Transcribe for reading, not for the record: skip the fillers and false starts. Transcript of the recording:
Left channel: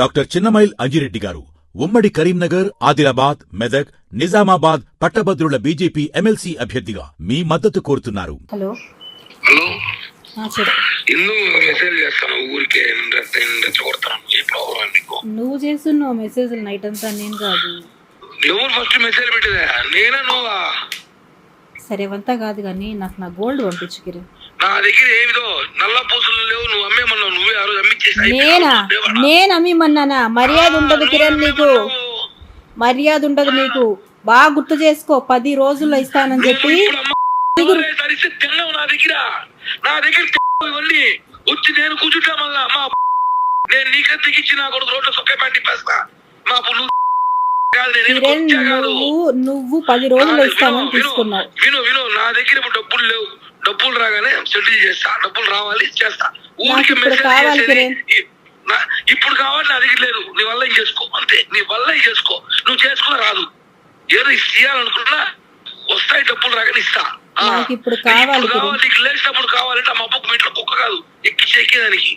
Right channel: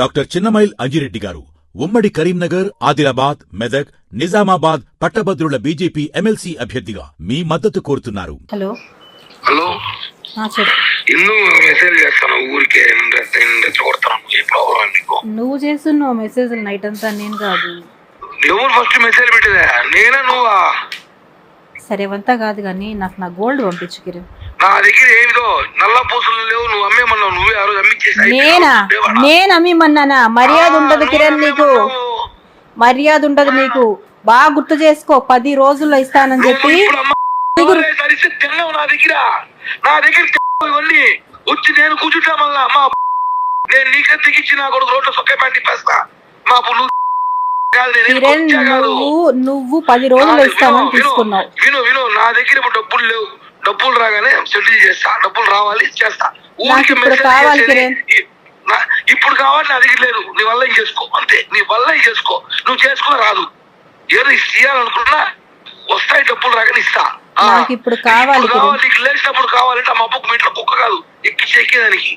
Doctor Chinnamail Anji Reddy గారు ఉమ్మడి కరీంనగర్, ఆదిలాబాద్, మెదక్, నిజామాబాద్ పట్టభద్రుల బీజేపీ ఎమ్మెల్సీ అభ్యర్థిగా మీ మద్దతు కోరుతున్నారు. హలో హలో ఇల్లు మెసేజ్ చేస్తాను ఊరికే నువ్వు చేస్తున్నావు మెసేజ్ నైట్ అంతా, నేను కాదు. ఎవరు ఫస్ట్ మెసేజ్ పెట్టేదా? నేనా నువ్వా? సరే అంతా కాదు కానీ నాకు నా గోల్డ్ పంపించు కిరణ్. నా దగ్గర ఏమిదో నల్ల పూసలు లేవు, నువ్వు అమ్మేమన్నావు. నువ్వే ఆ రోజు అమ్మించేసి. నేను అమ్మిమన్నానా? మర్యాద ఉండదు కిరణ్, నీకు మర్యాద ఉండదు. నీకు బాగా గుర్తు చేసుకో, 10 రోజుల్లో ఇస్తానని చెప్పి నా దగ్గర ఇవన్నీ వచ్చి నేను కూర్చుంటా. మళ్ళా మా నేను నీకే తెగించి నా కొడుకు రోడ్లో సొక్క ప్యాంట్ తిప్పేస్తా. మా కిరణ్ నువ్వు 10 రోజుల్లో ఇస్తానని తీసుకున్నావు. విను నా దగ్గర ఇప్పుడు డబ్బులు లేవు. డబ్బులు రాగానే సెటిల్ చేస్తా. డబ్బులు రావాలి చేస్తా. ఇప్పుడు కావాలి కిరణ్, ఇప్పుడు కావాలి. నా దగ్గర లేదు. నీ వల్ల ఏం చేసుకో, అంతే. నీ వల్ల ఏం చేసుకో. నువ్వు చేసుకుని రాదు. ఏదో ఇయ్యాలనుకున్నా వస్తాయి. డబ్బులు రాగానే ఇస్తా. నాకు ఇప్పుడు కావాలి. నీకు లేచినప్పుడు కావాలంటే మా అబ్బకు మీ ఇంట్లో కుక్క కాదు ఎక్కి చెక్కేదానికి.